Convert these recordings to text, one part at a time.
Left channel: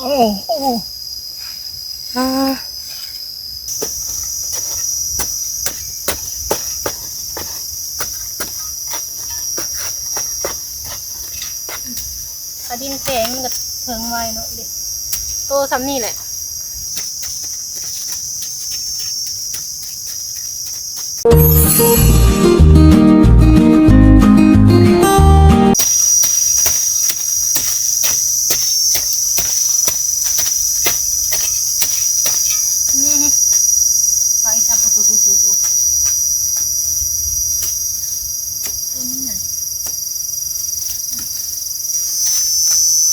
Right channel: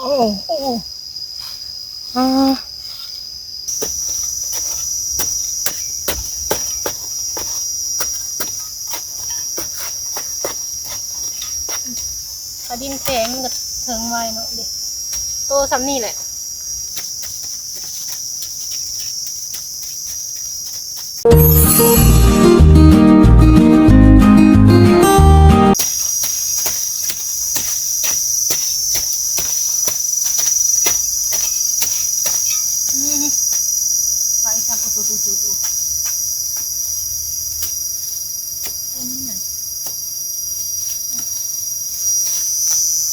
โอ้โอ้อ่าถ้าดินแข็งมันก็เถิงไวเนาะเด็กโตซ้ำนี่แหละไปจับตัว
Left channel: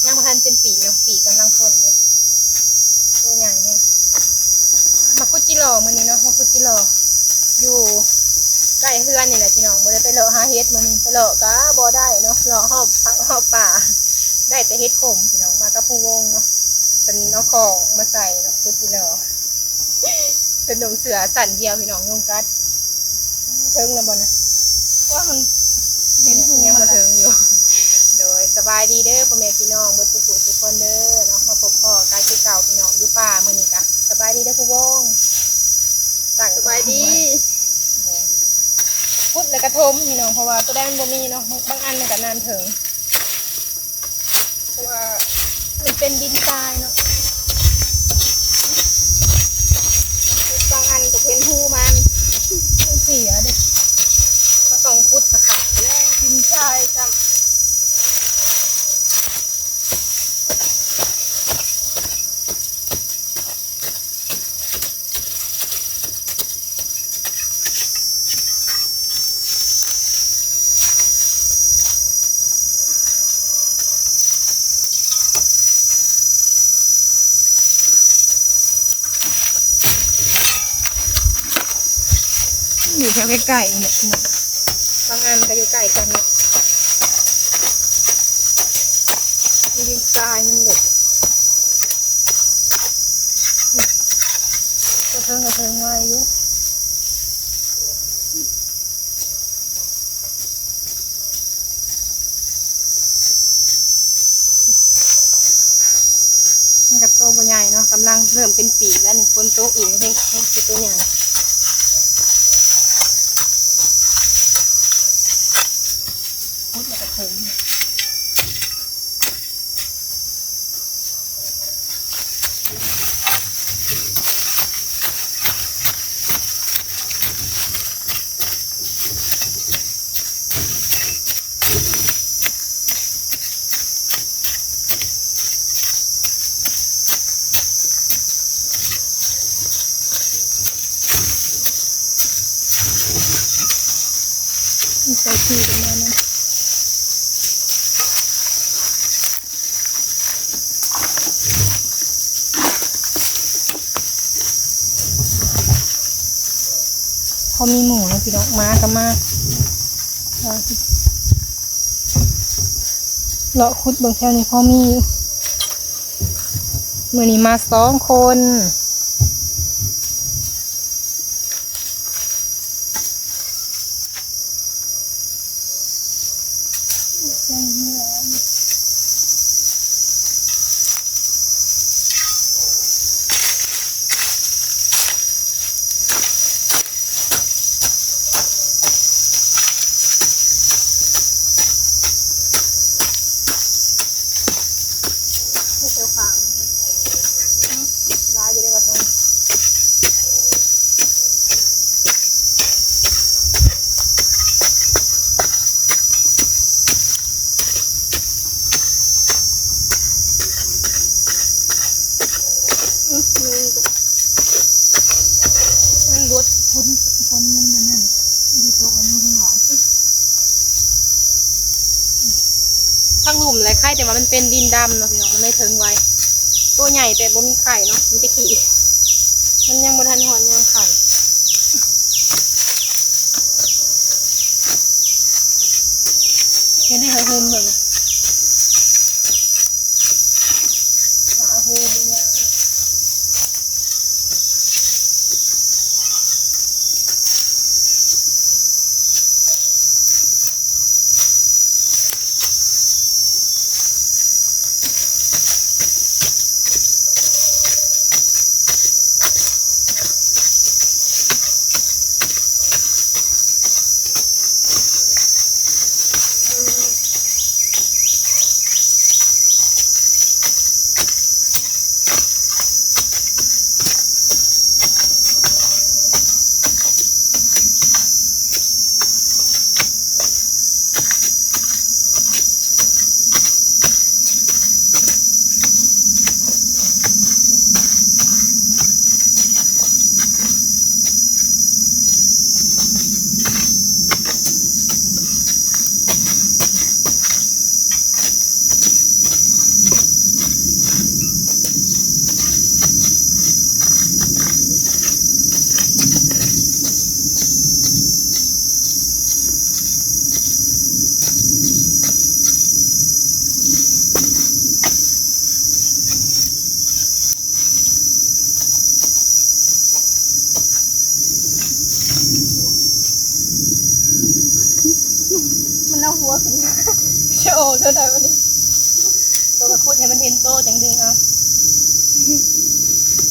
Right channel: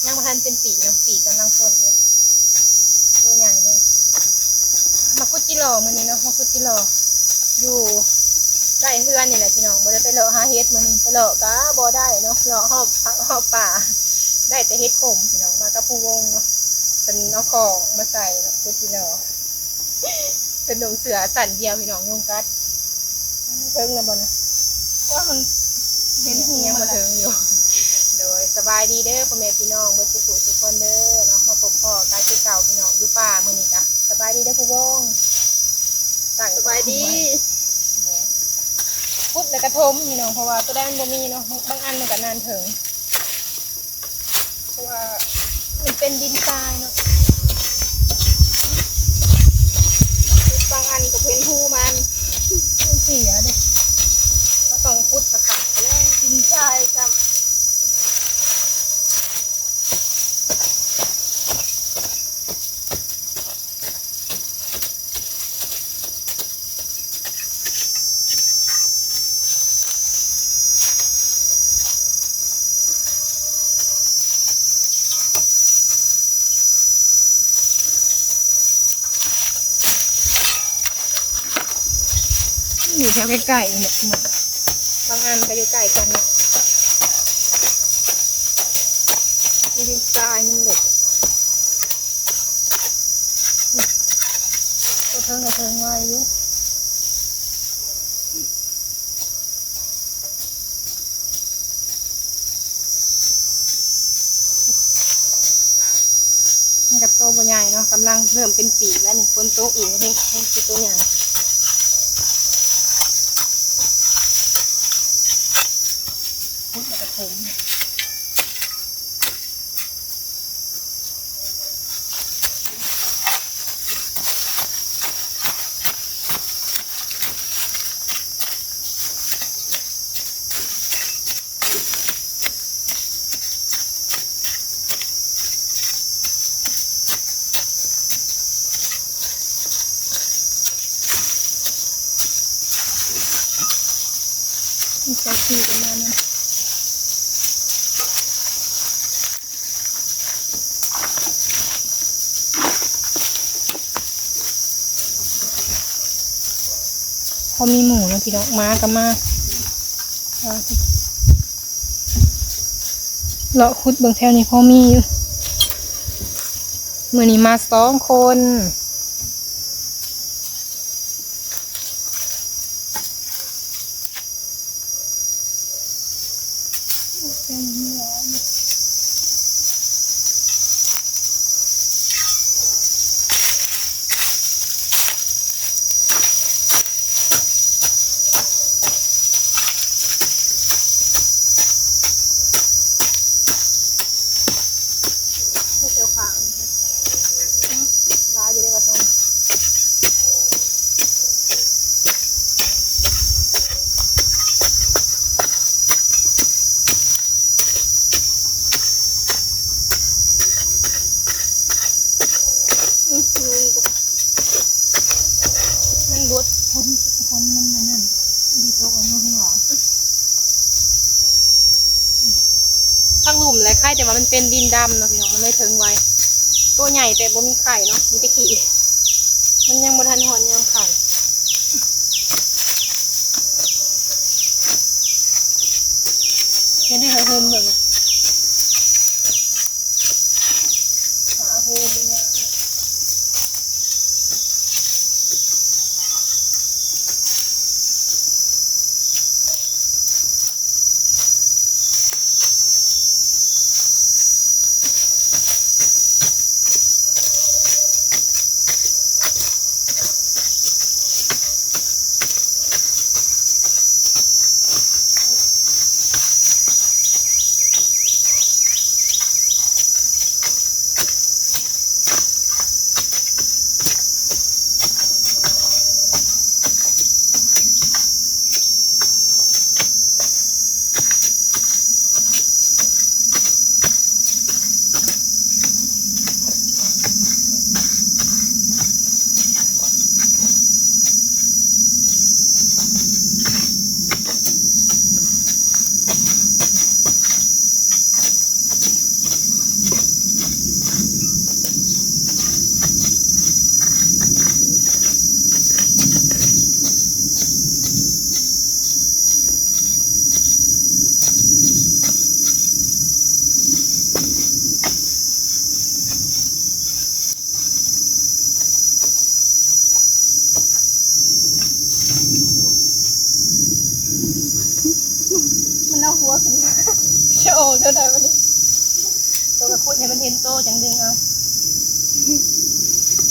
ยังมาทันเป็นปีเนาะปีกำลังพ่นเนี่ยตัวใหญ่เนี่ยมาคุดจิโร่มื้อนี้เนาะมาคุดจิโร่อยู่ใกล้เฮือนนี่แหละพี่น้องบ่ได้ไปเลาะหาเฮ็ดมื้อนี้ไปเลาะก็บ่ได้เนาะเลาะหอบป่าได้แต่เฮ็ดขมพี่น้องมากับผู้วงเนาะเป็นเอาของมาใส่เนาะคุดจิโร่เป็นดงเสือสั่นเดียวพี่น้องยุงกัดเทิงแล้วบ่นะว่ามันเป็นหูยังมาเทิงอยู่โดยสบายดีเด้อพ่อแม่พี่น้องเมื่อทุกคนเด้อเนาะมาพบพ่อการที่เก่าพี่น้องอยู่ป่ามื้อนี้จ้ะสบายดีเด้อผู้วงสบายดีพุดแล้วกระทมพี่น้องเพราะว่าตัวได้มันบ่มีเนาะบางอันมันก็นานถึงเพราะว่ามันเป็นดินทรายเนาะบางอันก็เป็นหูมันเสียเด้อก็ต้องพุดสักขับแล้วดินทรายจ้ะอยู่แถวใกล้ๆเนี่ยบางอันก็อยู่ใกล้กันเนี่ยดินทรายมันเหล็กกระเทิงไว้อยู่มันกับโตวใหญ่เนาะกำลังเริ่มเป็นปีแล้วนี่คนโตอีกให้คือตัวใหญ่พุดแล้วก็เทิงใส่ขี้ประมาณนั้นพอมีหมูนะพี่น้องมาก็มาเลาะคุดบางแถวนี้พอมีอยู่มื้อนี้มา2 คนไม่เชียวขางร้ายอยู่ได้กว่าตรงมันรถพ้นมันนั่นดีโต๊ะอันนู้นข้างหลังทั้งหลุมและไข่แต่ว่ามันเป็นดินดำเนาะพี่น้องมันไม่ถึงไวตัวใหญ่แต่บ่มีไข่เนาะมีแต่ขี้มันยังบ่ทันหอนยังไข่เห็นได้เหรอโฮมเลยนะหาโฮมเนี่ย เอาหัวขึ้นมา โชว์เท่าไหร่วันนี้ตัวกระพุ้ให้มันเห็นโตจังดึงเอา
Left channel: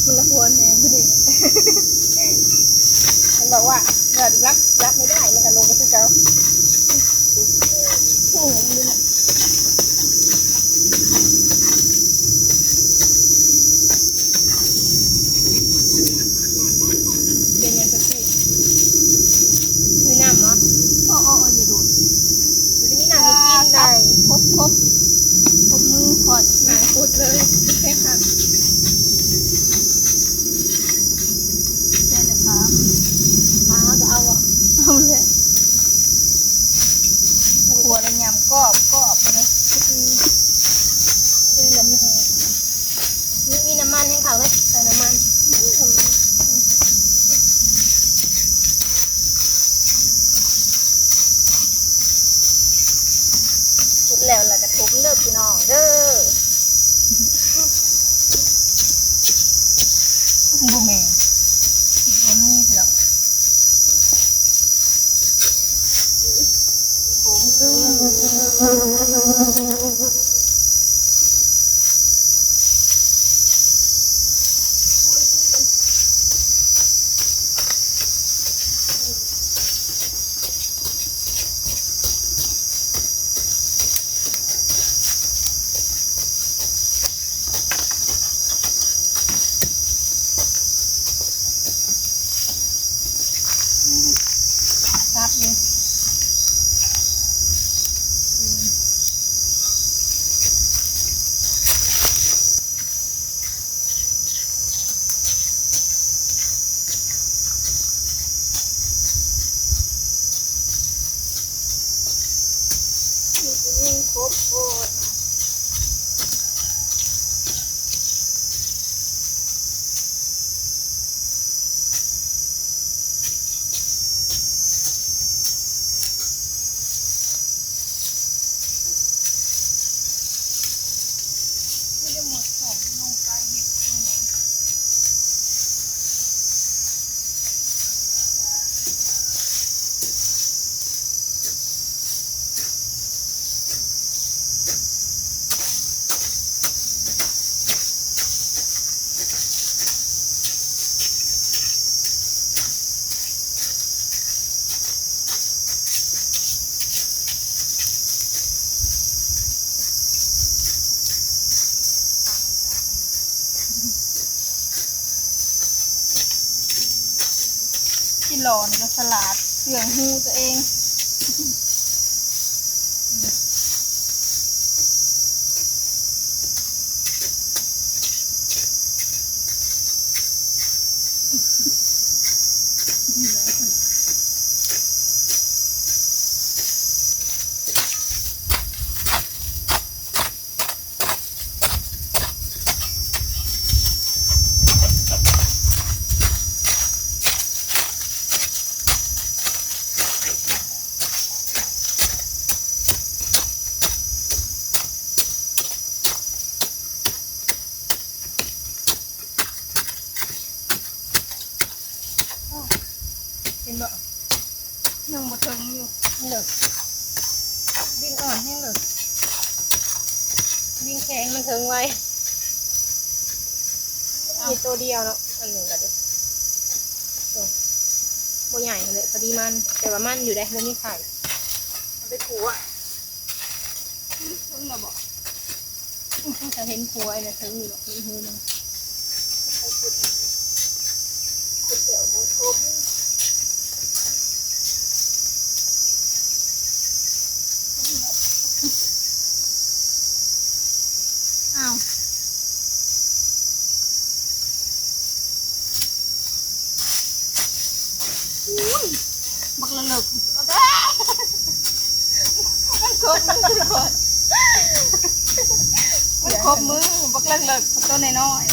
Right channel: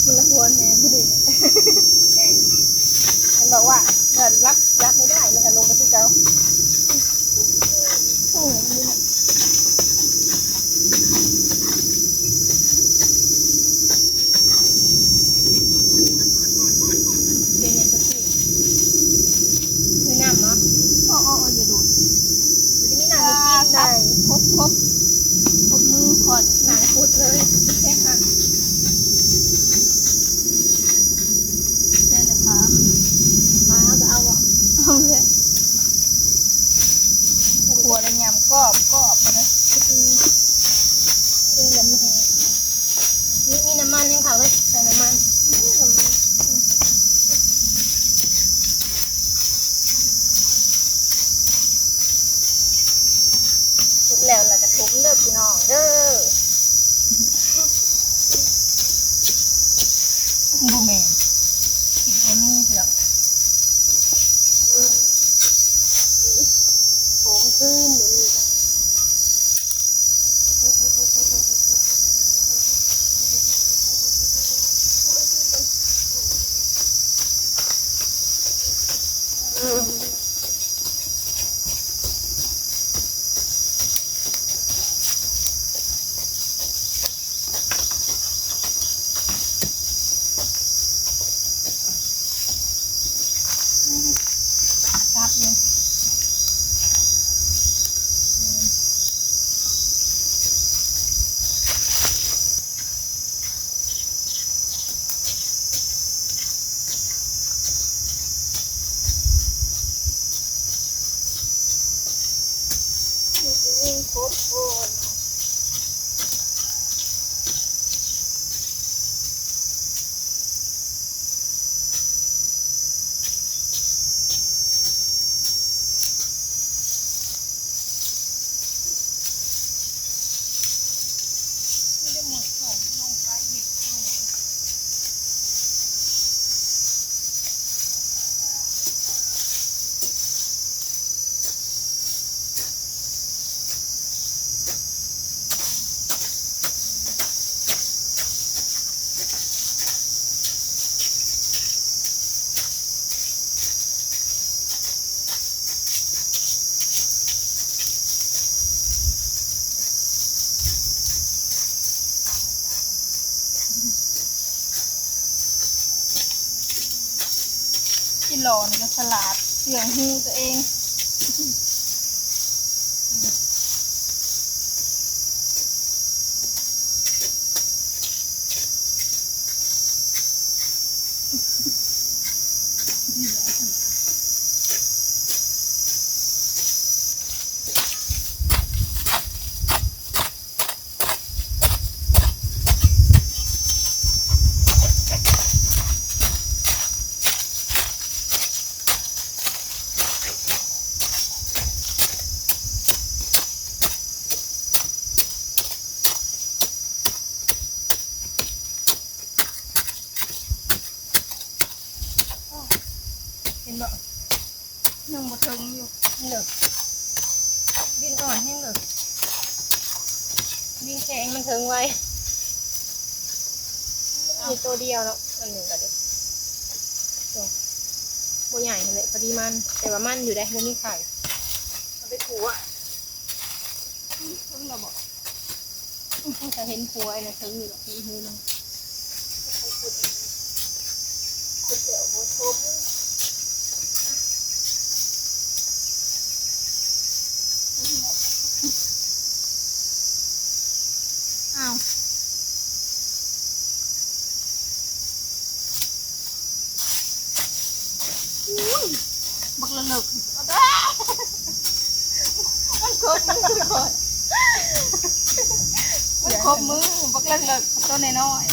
มันละหัวแหนมพอดีมันบอกว่าเกิดรักไม่ได้มันก็ลงไปที่เก่าโอ้โหนี่นะเป็นยังไงพี่มีน้ำเนาะ อ๋ออย่าดูด มีน้ำกินได้ ครบมือขอด หนังพุดเลยแค่ค่ะ แค่เลยครับ มาก็เอาอ่ะ เอาเลยขวดยำกรอบนะ น้ำมันแห้งมีน้ำมันให้เขาเลยใส่น้ำมันน้ำมัน สุดแล้วกระทุ้งเด้อพี่น้องเด้อ บูแมนกินอันนี้เถอะผมขึ้นครับนี่ยิ่งครบโอนไม่ได้หมดสองลงไปเห็ดตรงไหนที่หลอนกับสลัดเสื่องหูตัวเองเห็นบ่ ยังบ่ถึงอยู่ เหลือดินอ่อนแห้งเหลือดินแข็งมันถึงไว้มีตัวเดียวเนาะอันหนึ่งก็เดี๋ยวตัวใหญ่เลยพอดีมันแต่ว่ามันอยู่ได้ไม่มีไข่เอาไปถูอ่ะ ถึงแล้วบ่ จะเห็นครัวไอ้เนี่ยถึงอยู่หรอกมีมือนึง ขุดเดี๋ยวบ่ทบอ้าวบักละเลิกมันครบมือก่อนมันครบมือบักละเลิกตัวน้อยๆ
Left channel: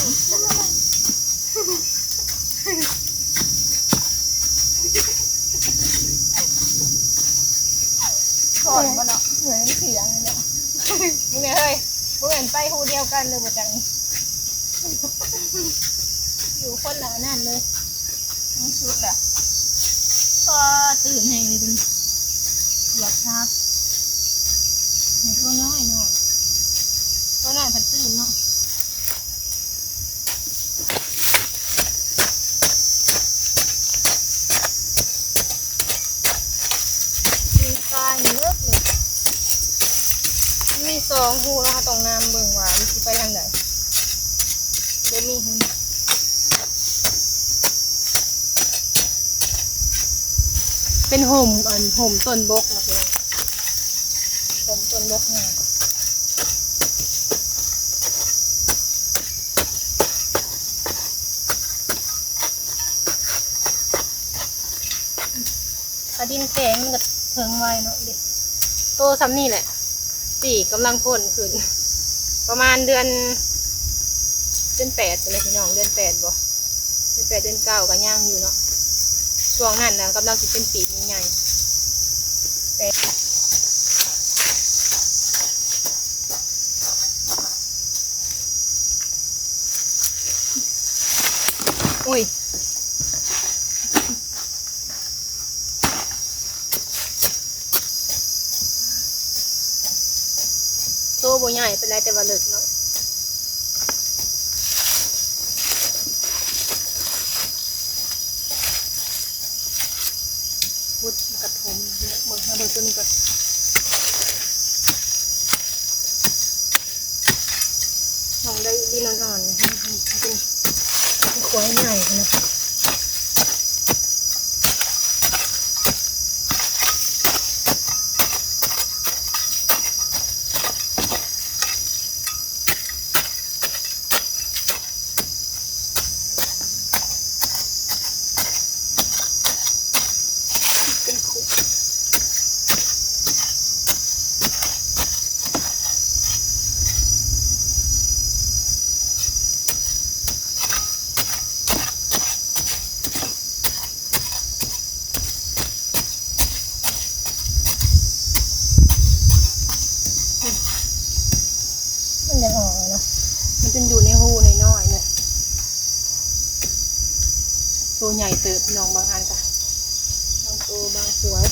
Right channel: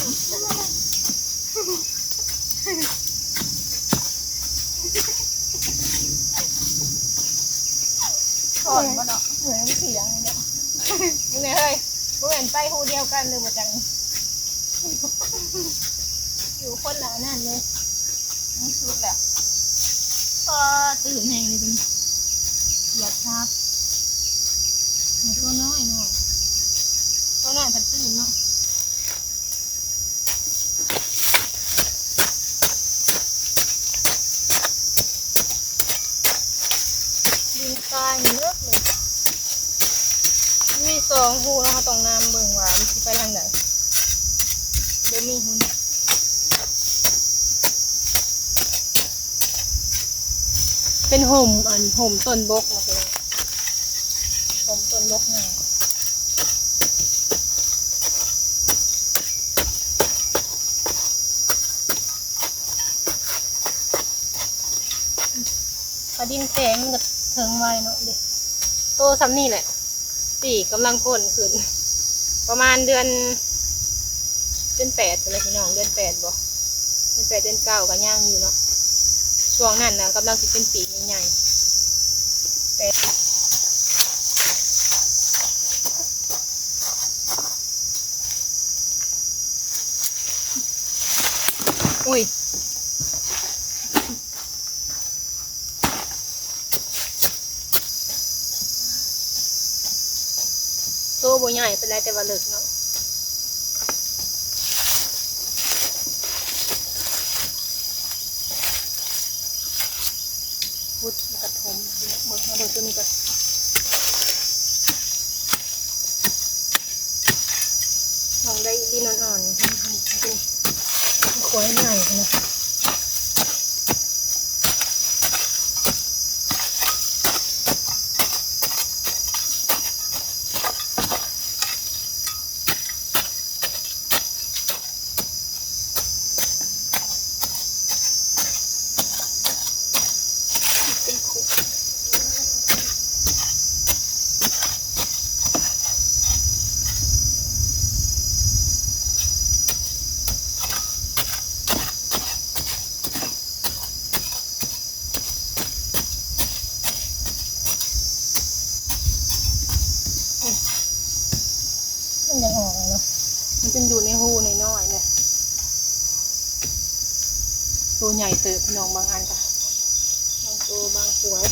ก่อนบ่เนาะ เหมือนเสียงเลยเนาะมึงไงเฮ้ยมึงเห็นไปหูเดียวกันเลยมาจังอยู่คนละนั่นเลย นี่ชุดล่ะพอตื่นแห้งเลยดูหยาบชาบ ตัวน้อยเนาะตัวน้อยผัดตื่นเนาะดีตายเลิกเลยมีสองหูนะคะตรงน้ำเบิ่งว่ามันสิไปทางไหนเดี๋ยวมีหุ่นเป็นห่มห่มต้นบกนะพี่น้องห่มต้นบกเนี่ยถ้าดินแข็งมันก็เถิงไว้เนาะเด็กโตซ้ำนี่แหละปีกำลังพ่นขึ้นประมาณเดือน8เลยพี่น้องเดือน8บ่เดือน8เดือน9ก็ย่างอยู่เนาะช่วงนั้นนะกำลังสิเป็นปีกใหญ่ๆแต่อุ้ยโตบ่ใหญ่เป็นไรแต่ว่าเลิกเนาะพุดกระทมเนี่ยเบิ่งมาเบิ่งตัวนี้ก่อนลองได้ดีนอ่อนๆเป็นขวายใหญ่นะเป็นขุดมันยังออกเลยเนาะมันเป็นอยู่ในหูน้อยๆเลยตัวใหญ่เติบพี่น้องบางอันค่ะบางตัวบางสวย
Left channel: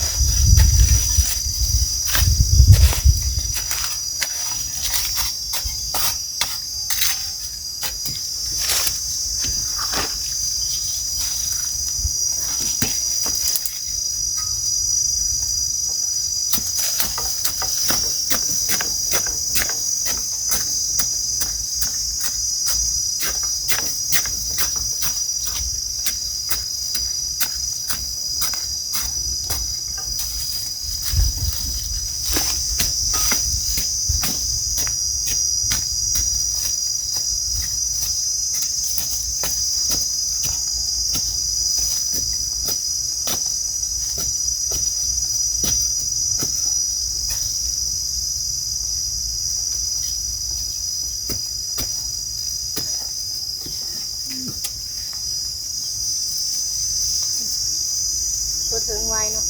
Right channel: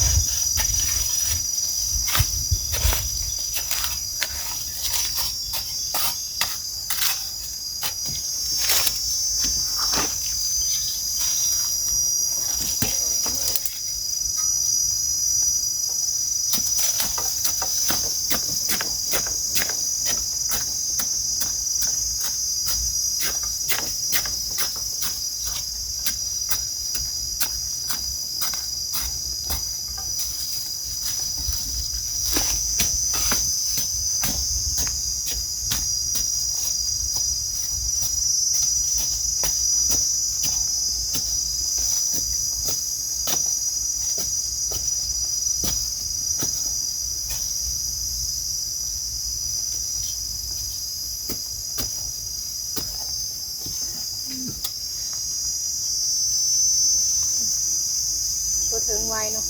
ตัวเถิงไวเนาะ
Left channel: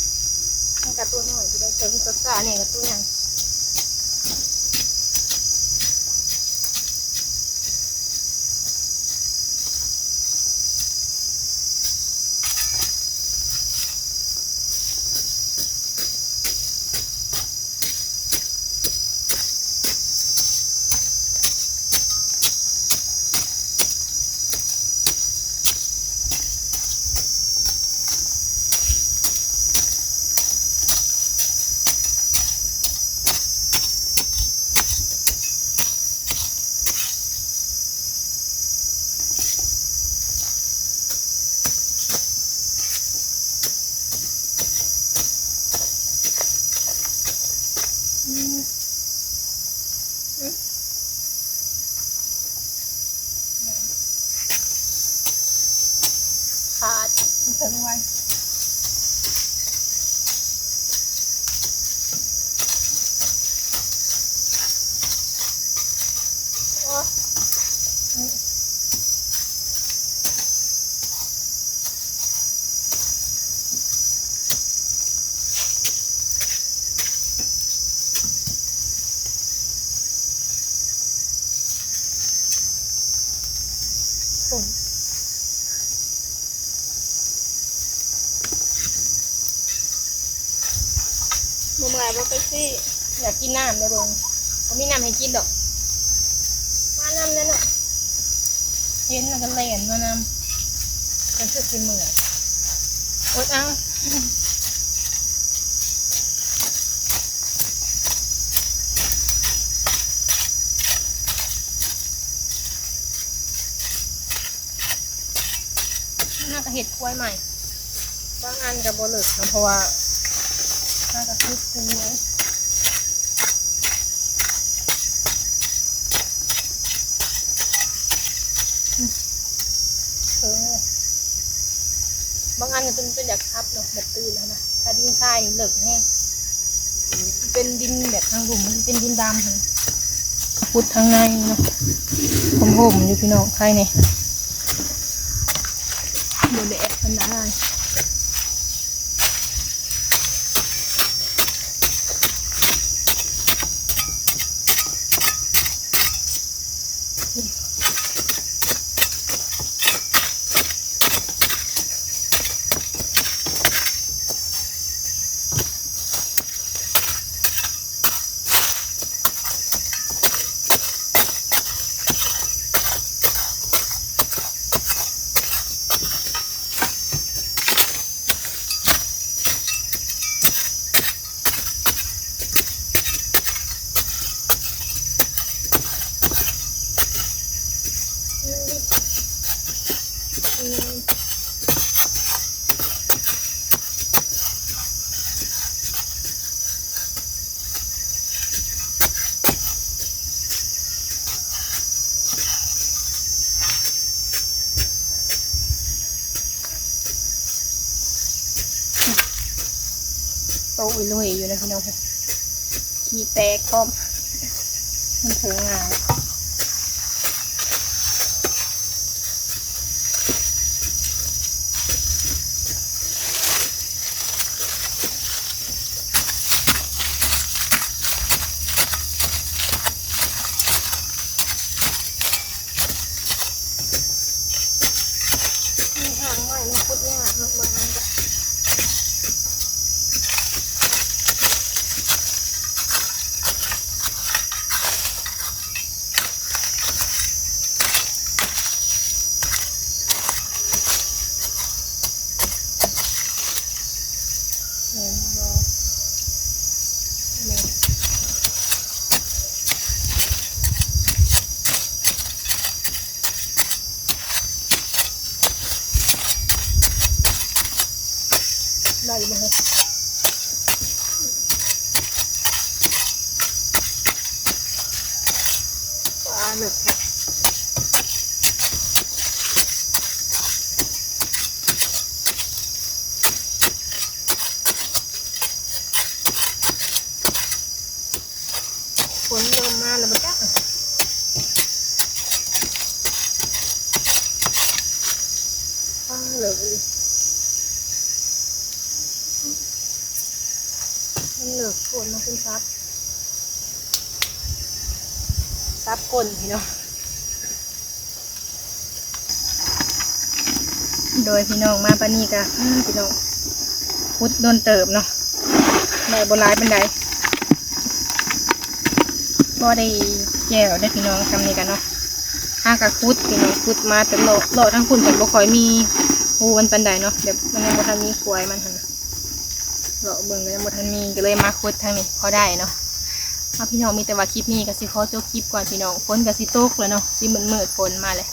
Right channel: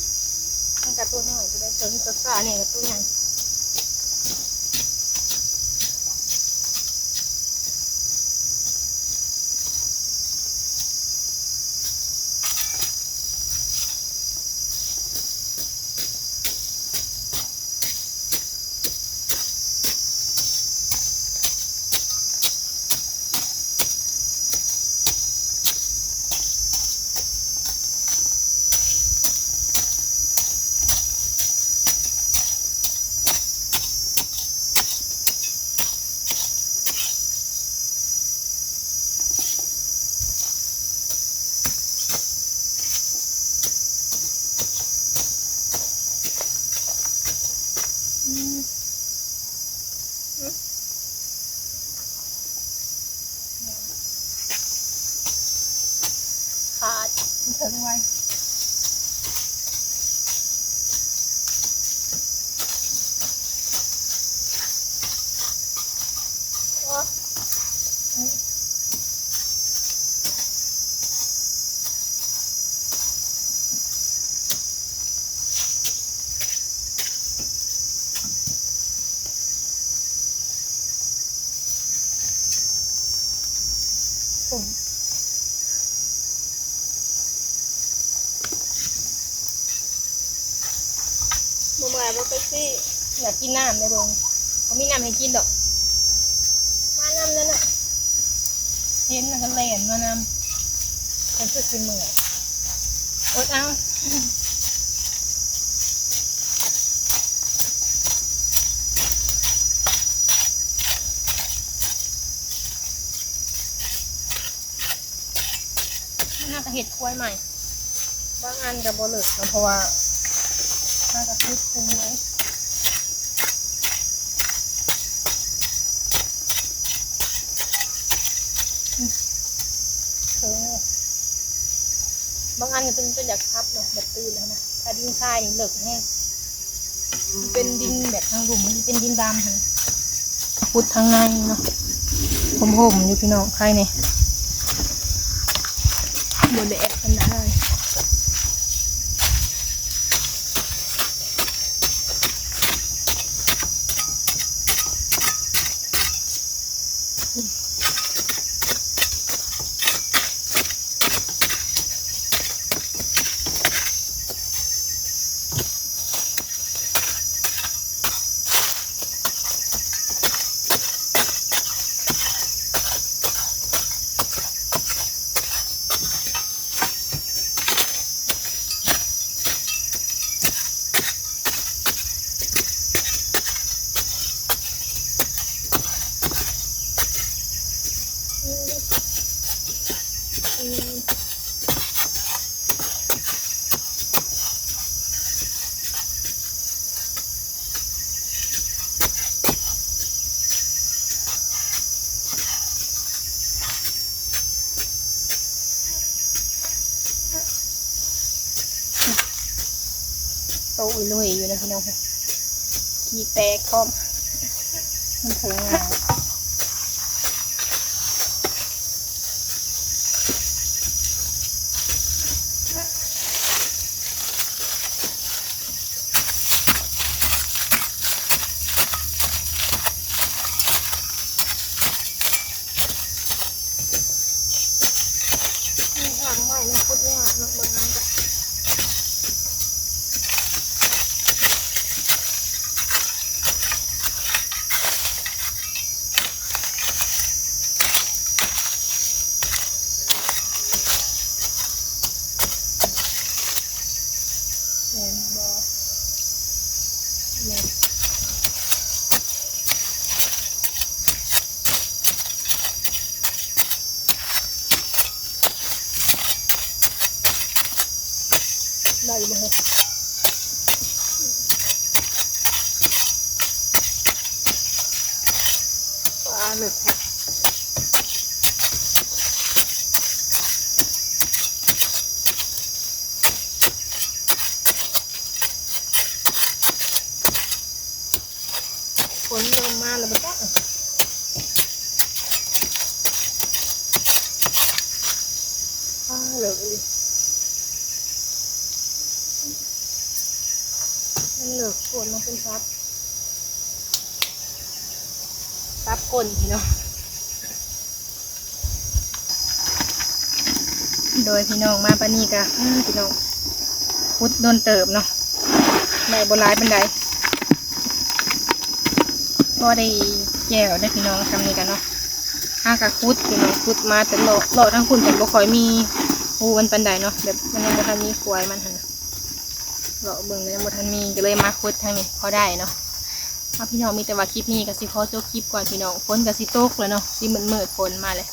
ตั้งแต่ตัวน้อยจะได้เถิงตัวซ่าเนี่ยกับตัวใหญ่ขาดเถิงไวโอ้ยบ่เมื่อยบ่ไปสิ อยากกินน้ำได้บ่ก็มีน้ำให้กินดอกมาน้ำนั่นน่ะเห็นแล้วก็เล่นมาน้ำเป็นคือสิเหมื่อยอดเอาน่าจะเห็ดกล้วยใหม่บางอันกับบเลิกนะเพราะว่าน่าจะคือคุ้มเลยเออบางอันก็เป็นอยากทับเนาะแบบตื่นแล้วนะถ้าดินทรายนี่เลิกแห้งเป็นดินแบบทางหลุมมันเป็นดินดำค่ะพุดทางในเนาะผมอยู่พี่น้องใครเนี่ยเดี๋ยวแอบกันได้โตอุ้ยลุยอยู่นะพี่น้องค่ะขี้แตกพร้อมมันถึงงานมีหางใหม่มันพุดยากบางอันก็เห็นบ่เนี่ยได้บ่ฮะปลาหนึกค่ะฝนเริ่มมาแล้วมันจักเหลือเลยมันเหลือฝนมาเป็นซับก้นพี่เนาะโดยพี่น้องมาปานนี้กะพี่น้องพุดโดนเติบเนาะได้บนร้ายเป็นไดก็ได้แก้วได้พี่น้องทำนี่กันเนาะห้ากะคุดพี่น้องคุดมาแต่โลทั้งคุณแต่บ่ค่อยมีหูมันปันใดเนาะแบบมันยังบ่ทันมีควายมันหั่นน่ะเลาะเบิ่งเลยยังบ่ทันมีก็เลยมาคุดทางนี้พอได้เนาะพี่น้องมีแต่ว่าคลิปนี้ก็สิขอจบคลิปก่อนพี่น้องฝนก็สิตกแล้วเนาะสิมืดฝนมาเลย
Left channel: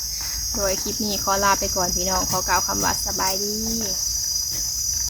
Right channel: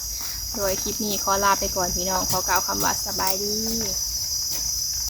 โดยคลิปนี้ขอลาไปก่อนพี่น้องขอกล่าวคำว่าสบายดี